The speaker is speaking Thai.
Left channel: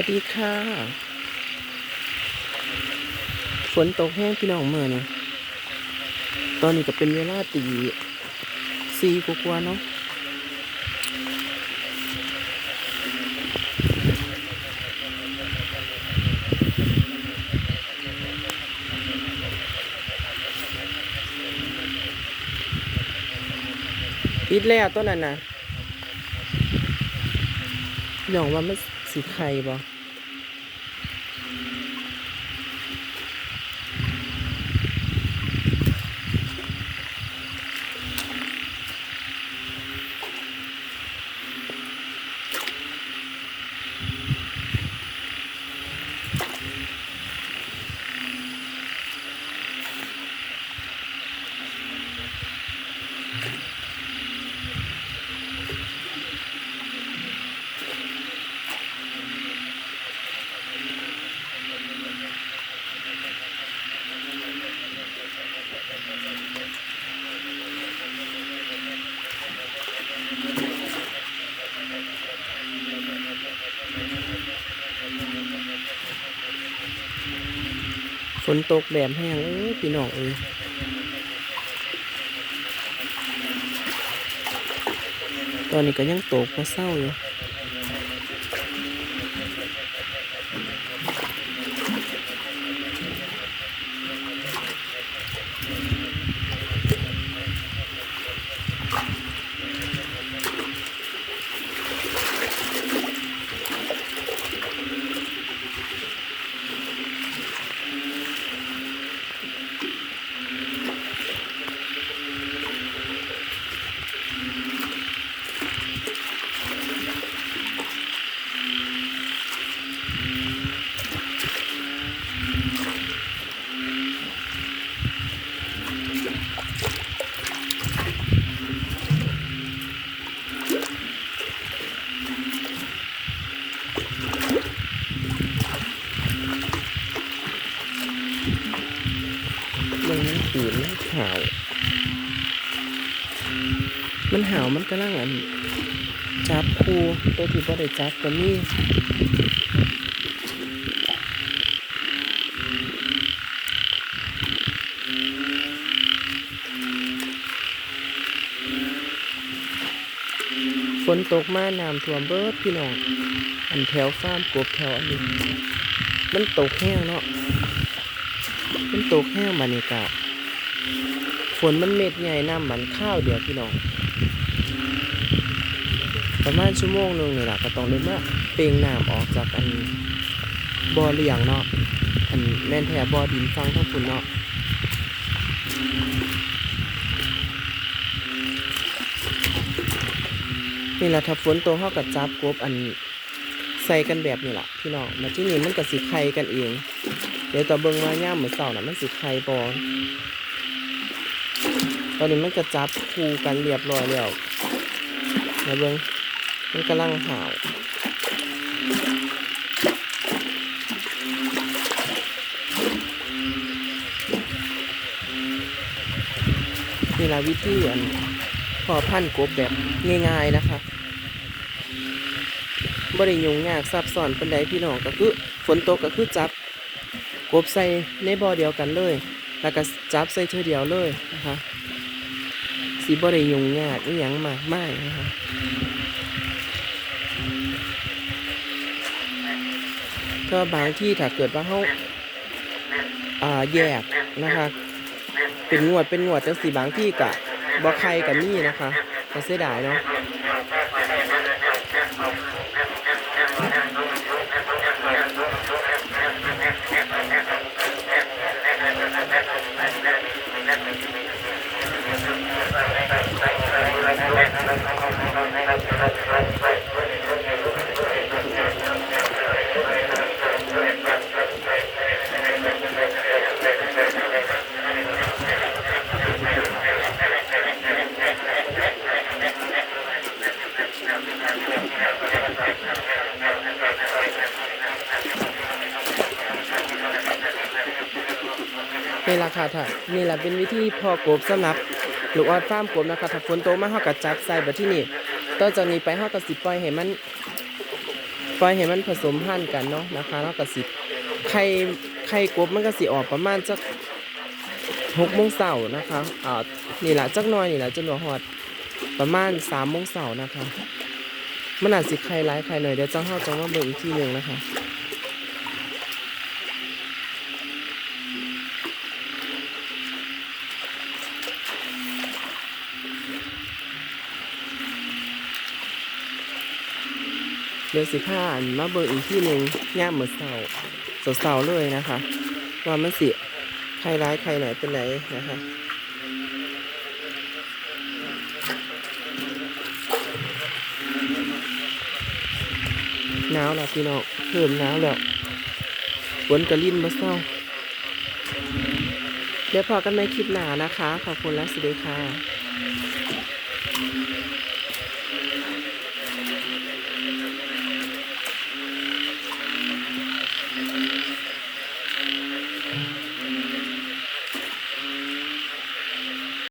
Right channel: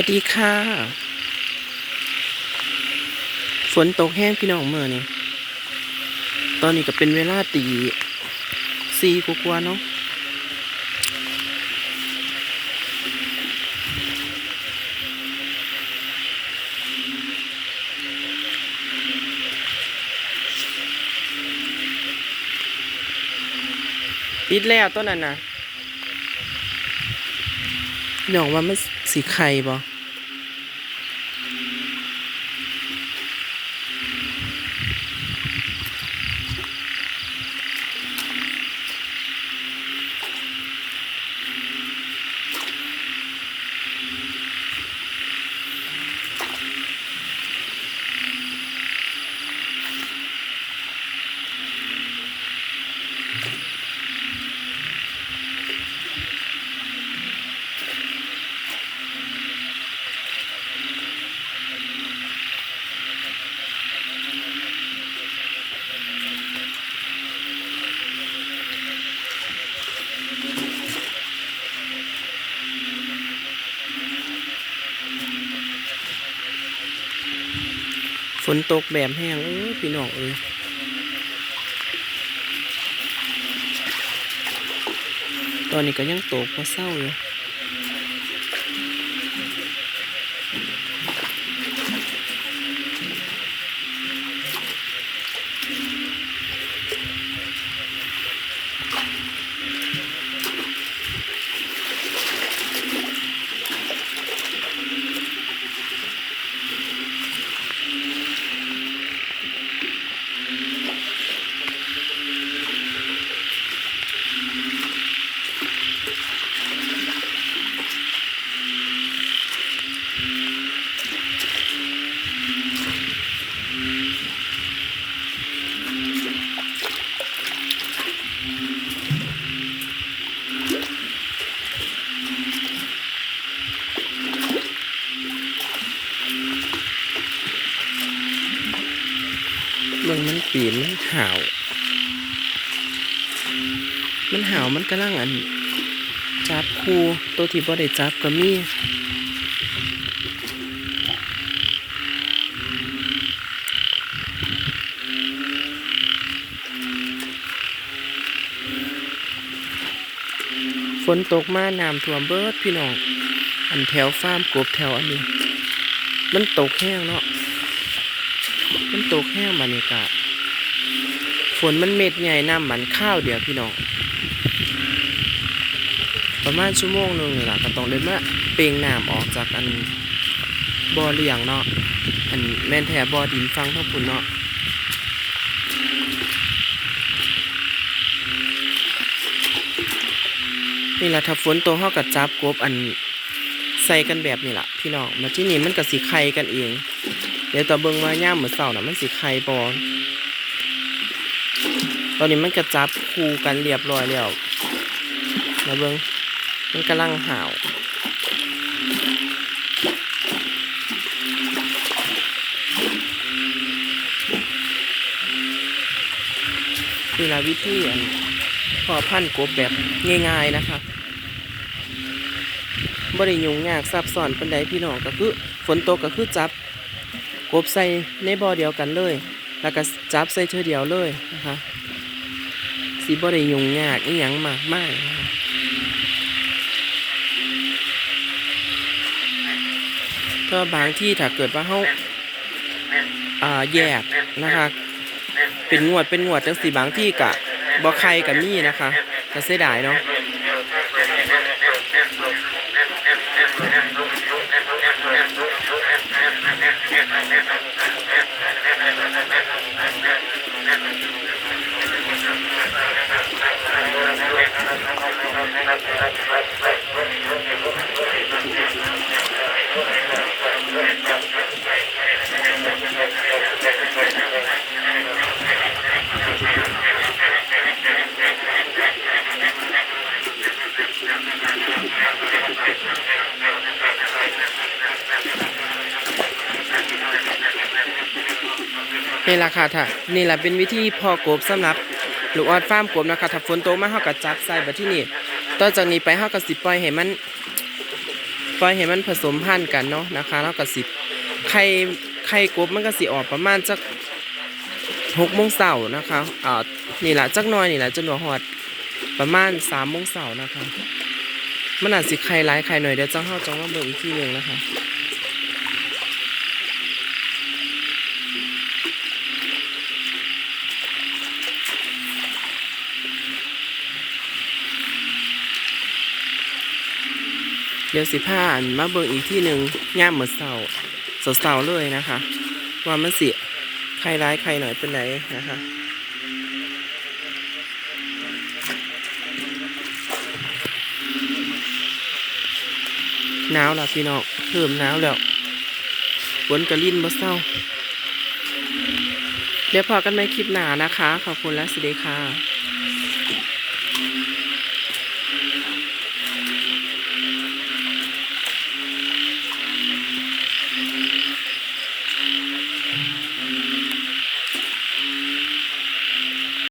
วัสดีค่ะ ฝนตกแห้งพี่น้องเมื่อนี่ตอนนี้ก็เป็นเวลาตีสี่กว่าๆเนาะปิดแล้วต้นนั้นนะ พี่น้องว่ามันสีไข่บ่ นตกแบบแห้งเออพี่น้องเอ้ยตอนนี้ก็ยังตกพอเศร้าอยู่ มันมันปีนมันห่าว มันห่าวมันกำลังอัน จับคูตัวที่บ่ได้จับก็มีฝนตกมาน้ำท่วมเบิดพี่น้อง อันแถวฟาร์มกบแถวอันนี้ มันตกแห้งเนาะ มันตกแห้งบรรยากาศฝนมันเม็ดใหญ่น้ำมันข้าวเดียวพี่น้อง ประมาณชั่วโมงหนึงนี่แหละก็ต้องเลยมาเปล่งน้ำออกจากอันบ่อเลี้ยงเนาะอันแม่นแท้บ่อดินฟังทั้งปุ่นเนาะนี่แหละถ้าฝนตกเฮาก็จับกบอันใส่กันแบบนี้ล่ะพี่น้องมาที่นี่มันก็สิไข่กันเอง เดี๋ยวต่อเบิ่งว่าย่ามมื้อเช้าน่ะมันสิไข่บ่ตอนนี้มันก็จับคู่กันเรียบร้อยแล้วนะเบิ่งมันกำลังห่าวนี่ละวิธีอันพอพันกบแบบง่าย ๆนะคะบริยุงยากซับซ้อนปันใดพี่น้องก็คือฝนตกก็คือจับ กบใส่ในบ่อเดียวกันเลย แล้วก็จับใส่เธอเดียวเลยนะคะสีบริยุงยากอีหยังมากมายนะคะก็บางที่ถ้าเกิดว่าเขาอ่าแยกนะคะ เป็นงวดเป็นงวดจังสีบางที่กะบ่ใครกับมี่นะคะก็เสียดายเนาะ นี่แหละค่ะถ้านี่แหละเป็นวิธีพอกบสำหรับลูกออดฟาร์มกบนะคะถ้าฝนตกมาเฮาก็จับใส่แบบที่นี่ ต่อจากนี้ไปเฮาก็สิปล่อยให้มันปล่อยให้มันผสมพันธุ์กันเนาะนะคะเฮาก็สิไข่ไข่กบมันก็สิออกประมาณจักหกโมงเสาร์นะคะอ่านี่แหละจักหน้อยนี่แหละจนหัวหอดประมาณสามโมงเสาร์นะคะมันอาจสิไข่ร้ายไข่หน่อยเดี๋ยวจังเฮาจังว่าเบิ่งอีกทีหนึ่งนะคะ ดี๋ยวสิผ้าอันมาเบิ่งอีกที่หนึ่งย่ามเหมือนเสาเสาเลยนะคะ ว่ามันสิใครร้ายใครหน่อยเป็นไหนนะคะหนาวแล้วพี่น้องเพิ่มหนาวแล้วฝนกระลิ่นบ่เศร้า เดี๋ยวพอกันในคลิปหนานะคะ ขอบคุณและสวัสดีค่ะ